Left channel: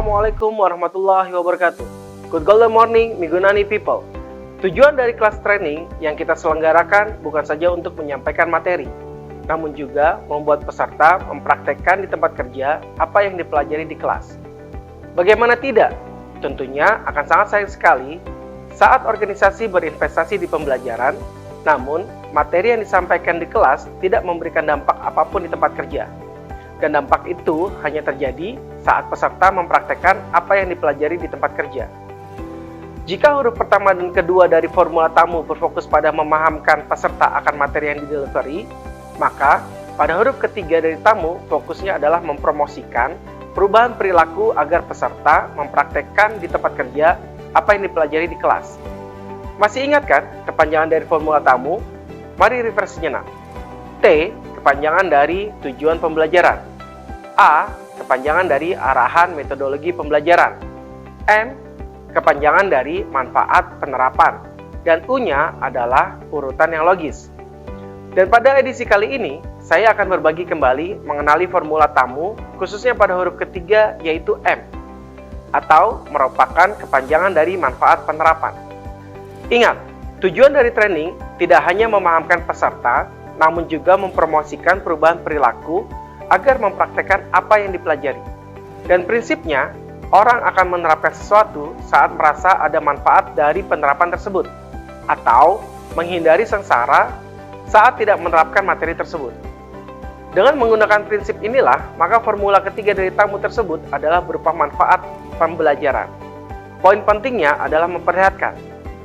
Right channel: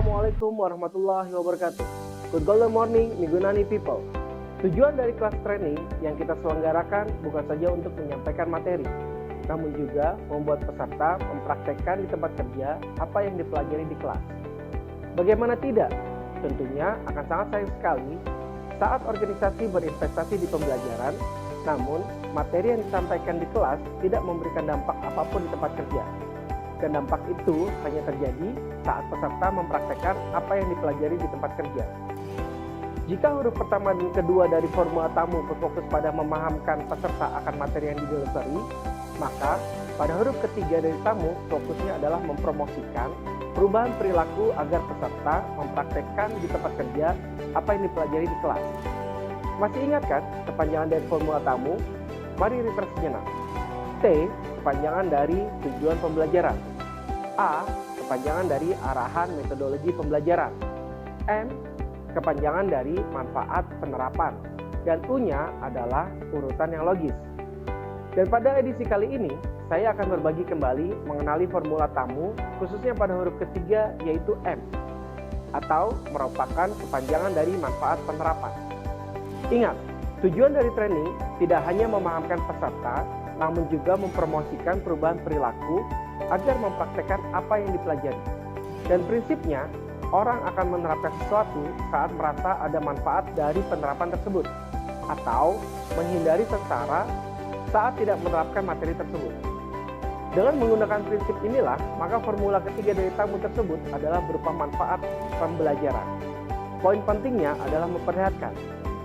Assalamualaikum warahmatullahi wabarakatuh. Good golden morning, Migunani people. Tujuan dari kelas training yang kita selenggarakan bukan saja untuk menyampaikan materi, namun juga membuat peserta mempraktekkan di tempat kerja apa yang dipelajari di kelas. Bagaimana tidak? Tentunya akan sangat sayang sekali saat organisasi berinvestasi di pembelajaran, namun materi yang disampaikan di kelas tidak memberikan dampak apapun di tempat kerja. Dan dampak itu hanya terjadi saat peserta mempraktekkan apa yang dipelajari di tempat kerja. Jika huruf pertama dan kedua dari formula tamu berfokus pada memahamkan peserta akan materi yang didelivery, maka pada huruf ketiga dari tamu fokusnya adalah mempromosikan perubahan perilaku agar peserta mempraktekkan di tempat kerja apa yang dipelajari di kelas. Masih ingat kan kepanjangan dari formula tamu? Mari refresh sejenak. T, kepanjangan dari tujuan pembelajaran. A, kepanjangan dari arahan metodologi pembelajaran. M, kepanjangan dari manfaat penerapan. Dan U-nya adalah urutan yang logis. Dan pada edisi kali ini, saya akan berbagi kembali mengenali formula tamu, khususnya pada huruf ketiga yaitu M, atau merupakan kepanjangan dari manfaat penerapan. Ingat, tujuan dari training tidak hanya memahamkan peserta, namun juga mempromosikan perubahan perilaku agar mempraktekkan apa yang dipelajari. Dan prinsipnya, orang akan menerapkan sesuatu saat merasa ada manfaat dari penerapan tersebut, atau menghindari sengsara saat tidak menerapkan materi tersebut. Dengan menggunakan prinsip inilah, maka formula ketiga dari tamu tersebut adalah berupa manfaat pembelajaran. Poin pentingnya adalah memperlihatkan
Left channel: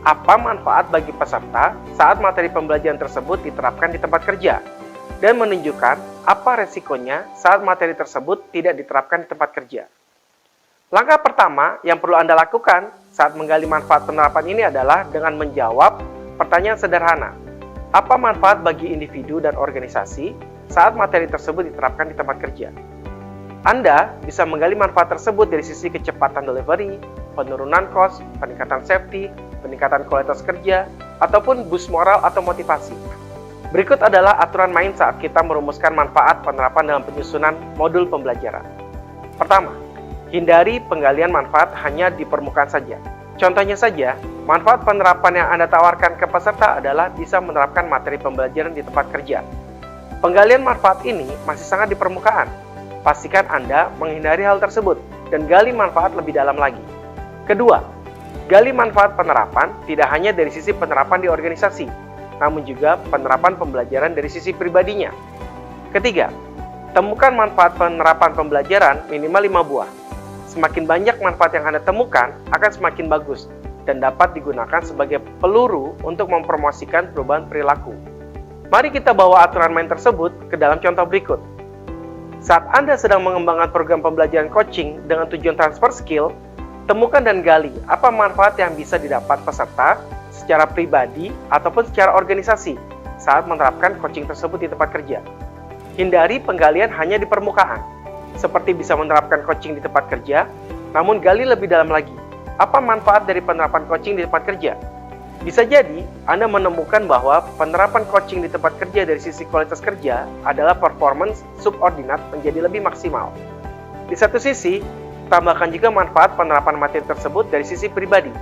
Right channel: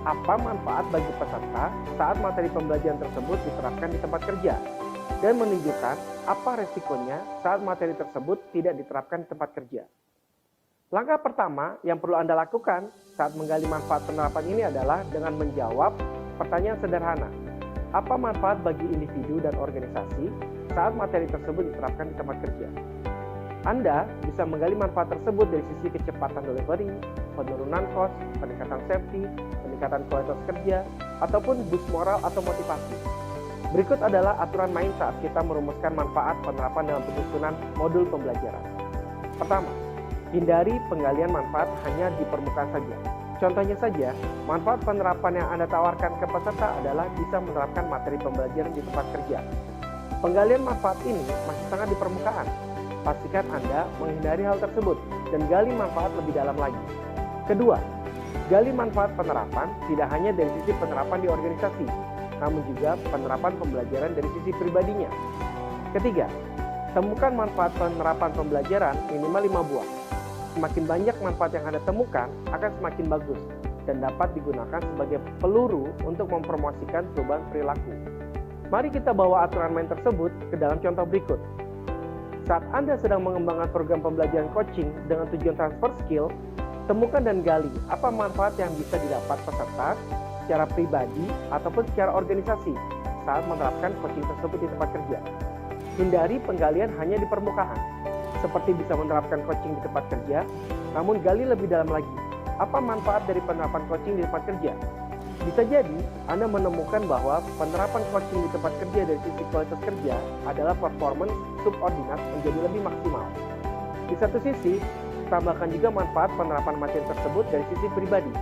apa manfaat bagi peserta saat materi pembelajaran tersebut diterapkan di tempat kerja, dan menunjukkan apa resikonya saat materi tersebut tidak diterapkan di tempat kerja. Langkah pertama yang perlu Anda lakukan saat menggali manfaat penerapan ini adalah dengan menjawab pertanyaan sederhana. Apa manfaat bagi individu dan organisasi saat materi tersebut diterapkan di tempat kerja? Anda bisa menggali manfaat tersebut dari sisi kecepatan delivery, penurunan cost, peningkatan safety, peningkatan kualitas kerja, ataupun boost moral atau motivasi. Berikut adalah aturan main saat kita merumuskan manfaat penerapan dalam penyusunan modul pembelajaran. Pertama, hindari penggalian manfaat hanya di permukaan saja. Contohnya saja, manfaat penerapan yang Anda tawarkan ke peserta adalah bisa menerapkan materi pembelajaran di tempat kerja. Penggalian manfaat ini masih sangat di permukaan. Pastikan Anda menghindari hal tersebut dan gali manfaat lebih dalam lagi. Kedua, gali manfaat penerapan tidak hanya dari sisi penerapan di organisasi, namun juga penerapan pembelajaran dari sisi pribadinya. Ketiga, temukan manfaat penerapan pembelajaran minimal 5 buah. Semakin banyak manfaat yang Anda temukan, akan semakin bagus dan dapat digunakan sebagai peluru untuk mempromosikan perubahan perilaku. Mari kita bawa aturan main tersebut ke dalam contoh berikut. Saat Anda sedang mengembangkan program pembelajaran coaching dengan tujuan transfer skill, temukan dan gali apa manfaat yang bisa didapat peserta secara pribadi ataupun secara organisasi saat menerapkan coaching tersebut di tempat kerja. Hindari penggalian hanya di permukaan, seperti bisa menerapkan coaching di tempat kerja, namun gali lebih dalam lagi. Apa manfaat dari penerapan coaching di tempat kerja? Bisa jadi Anda menemukan bahwa penerapan coaching di tempat kerja dari sisi kualitas kerja adalah performance subordinat menjadi lebih maksimal. Di satu sisi, tambahkan juga manfaat penerapan materi tersebut dari sisi pribadi.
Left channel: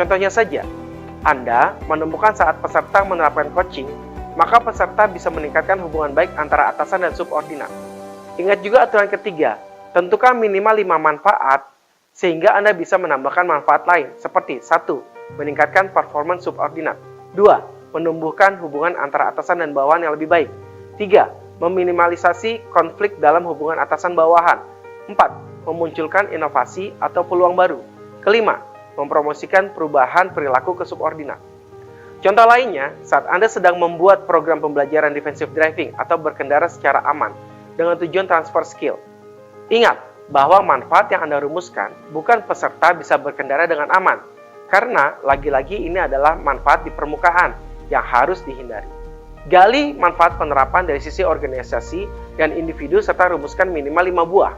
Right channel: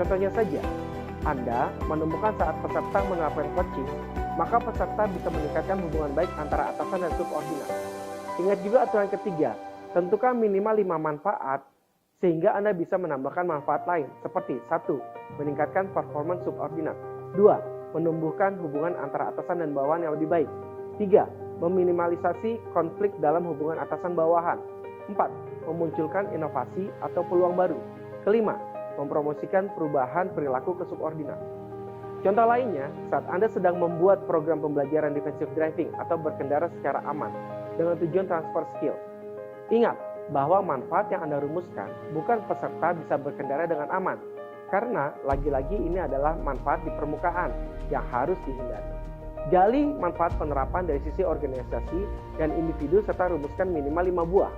Contohnya saja, Anda menemukan saat peserta menerapkan coaching, maka peserta bisa meningkatkan hubungan baik antara atasan dan subordinat. Ingat juga aturan ketiga, tentukan minimal 5 manfaat sehingga Anda bisa menambahkan manfaat lain seperti 1. Meningkatkan performance subordinat. 2. Menumbuhkan hubungan antara atasan dan bawahan yang lebih baik. 3. Meminimalisasi konflik dalam hubungan atasan bawahan. 4. Memunculkan inovasi atau peluang baru. Kelima, mempromosikan perubahan perilaku ke subordinat. Contoh lainnya, saat Anda sedang membuat program pembelajaran defensive driving atau berkendara secara aman dengan tujuan transfer skill. Ingat bahwa manfaat yang Anda rumuskan bukan peserta bisa berkendara dengan aman, karena lagi-lagi ini adalah manfaat di permukaan yang harus dihindari. Gali manfaat penerapan dari sisi organisasi dan individu serta rumuskan minimal 5 buah.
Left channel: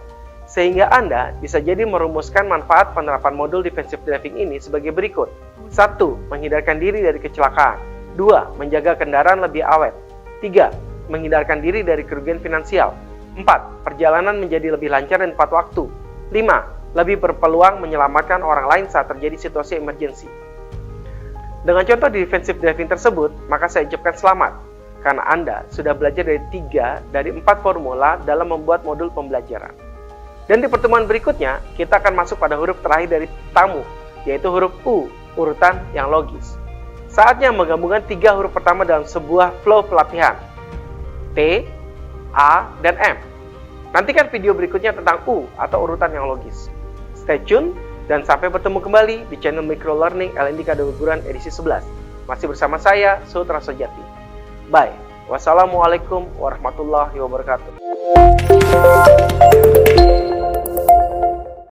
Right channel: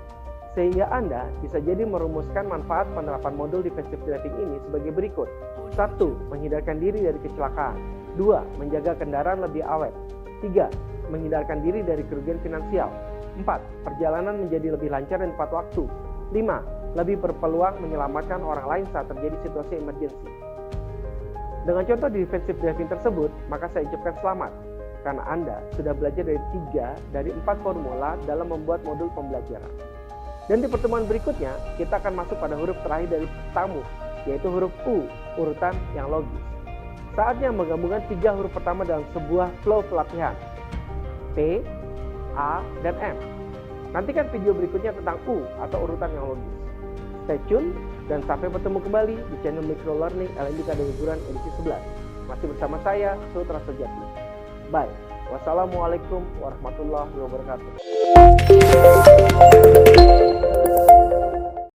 Sehingga Anda bisa jadi merumuskan manfaat penerapan modul defensive driving ini sebagai berikut. 1. Menghindarkan diri dari kecelakaan. 2. Menjaga kendaraan lebih awet. 3. Menghindarkan diri dari kerugian finansial. 4. Perjalanan menjadi lebih lancar dan tepat waktu. 5. lebih berpeluang menyelamatkan orang lain saat terjadi situasi emergency. Dengan contoh di defensive driving tersebut, maka saya ucapkan selamat, karena Anda sudah belajar dari 3 dari 4 formula dalam membuat modul pembelajaran. Dan di pertemuan berikutnya, kita akan masuk pada huruf terakhir dari tamu, yaitu huruf U, urutan yang logis. Saatnya menggabungkan 3 huruf pertama dalam sebuah flow pelatihan, T, A, dan M. Nantikan video berikutnya tentang U atau urutan yang logis. Stay tune, dan sampai bertemu kembali di channel Micro Learning LND Akademi Guruan edisi 11. Masih bersama saya, Sutra Sojati. Bye. Wassalamualaikum warahmatullahi wabarakatuh.